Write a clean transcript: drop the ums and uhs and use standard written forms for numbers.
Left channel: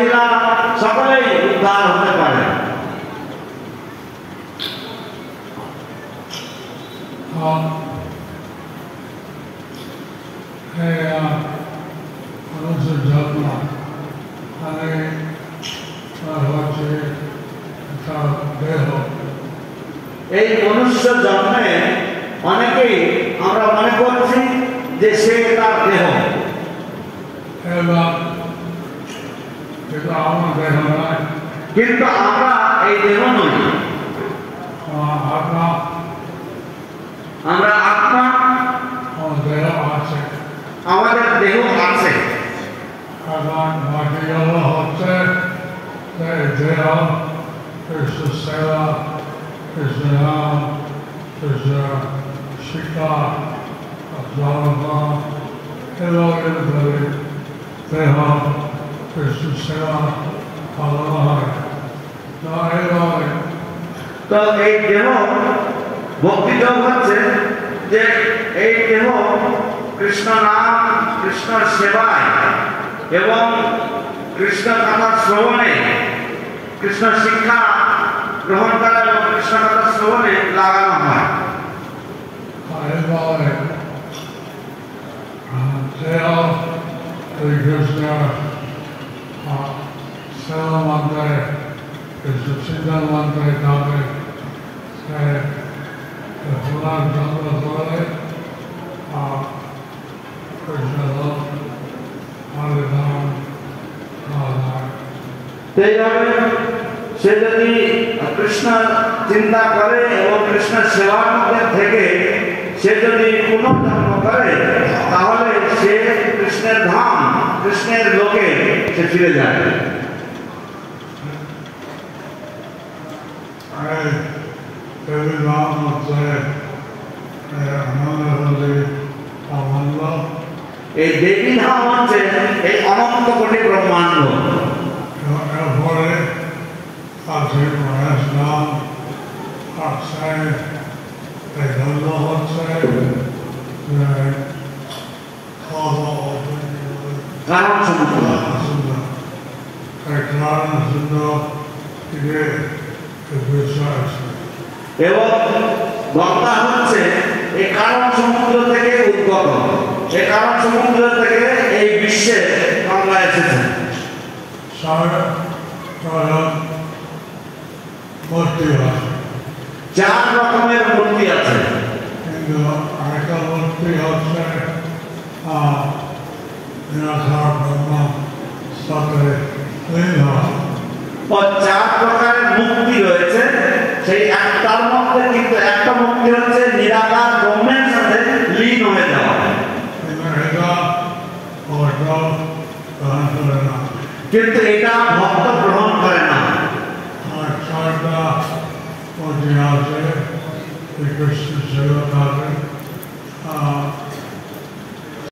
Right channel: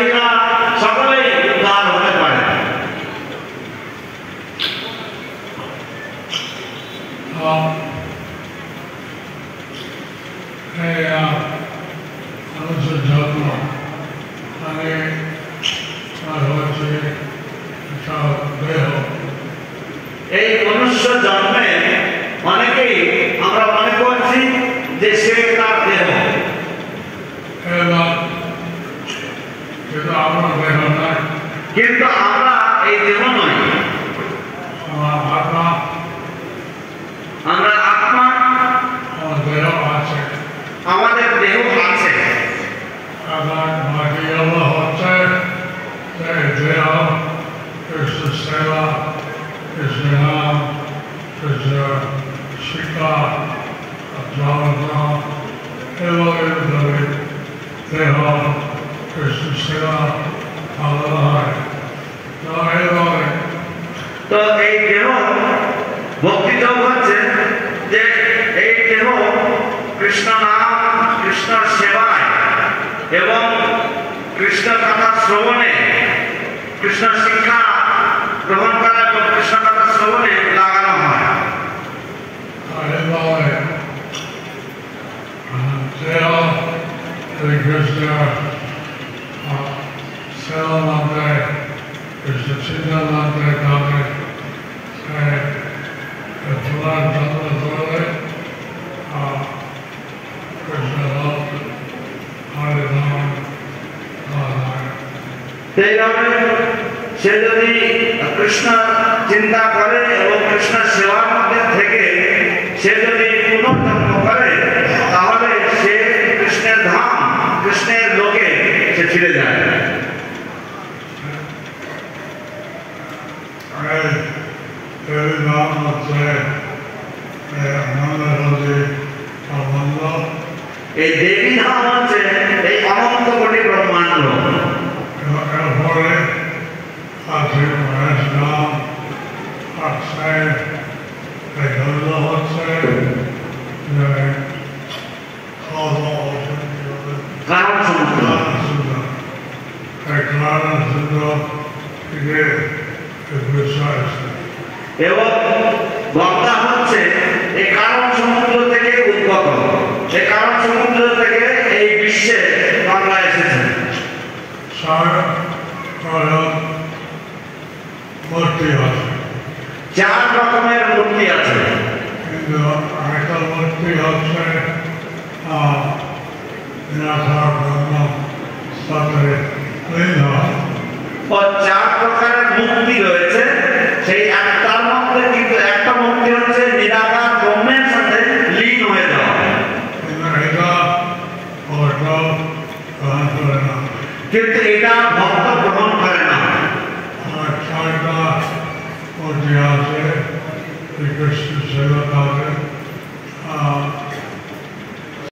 মহিলা সকলেই উদ্ধার হতে পারে। এই মনুষ্য জন্মে অনেকেই আমরা মনে করছি যে সে তার দেহ, কিন্তু আমরা এই দেহ নই, আমরা আত্মা, আমাদের দেহ আছে। Kৃষ্ণ সেবা, কৃষ্ণ নাম, কৃষ্ণ শিক্ষা, জগন্নাথ এবং দেহ কৃষ্ণ সেবা ভালো হয়। তো এই দেহ ভক্তি যোগ হচ্ছে যে এই দেহ কৃষ্ণ নাম, কৃষ্ণ সেবায় এবং কৃষ্ণ কথা শ্রবণে, কৃষ্ণ শিক্ষা গ্রহণ করা এবং কৃষ্ণ কথা শ্রবণে লাগানো হয়। কৃষ্ণ সেবা মন্ত্রে, কৃষ্ণ চিন্তন মন্ত্রে তাদের পুরাণ যন্ত্র করে কৃষ্ণ লোক হরিধাম সেইভাবে সে যদি কৃষ্ণ চিন্তা করে এবং কৃষ্ণ সেবার মধ্যে থেকে সে যদি পুনর্জন্ম করে তাহলে সে কৃষ্ণের ধাম, কৃষ্ণের লোকে সে ফিরে যায়। এই দেবী ধাম হচ্ছে এই অনন্ত কোটি ব্রহ্মাণ্ড। এরপরে আছে মহেশ নাম, আছে গন্ধ হচ্ছে কারণ সমুদ্র, কারণ সমুদ্র থেকে বিষয় আছে এবং গঙ্গা হচ্ছে এই কারণ সমুদ্র থেকে উদ্গত। এই কারণ সমুদ্র থেকে এই বিশ্বে গঙ্গা এসেছে। মূর্তি আছে, 4 রকমের মূর্তি আছে, কিন্তু আরেকটা মূর্তি হচ্ছে নিরাকার ব্রহ্ম সাথে লীন হয়। 4 প্রকারের মূর্তি রয়েছে, সেই একটার মধ্যে কিন্তু একটা মূর্তি হচ্ছে নিরাকার ব্রহ্মের সাথে লীন হয়ে যাওয়া। কিন্তু এটা ভক্ত গ্রহণ করে না। আর 4টা মূর্তি আছে, কৃষ্ণ সেবা কাজে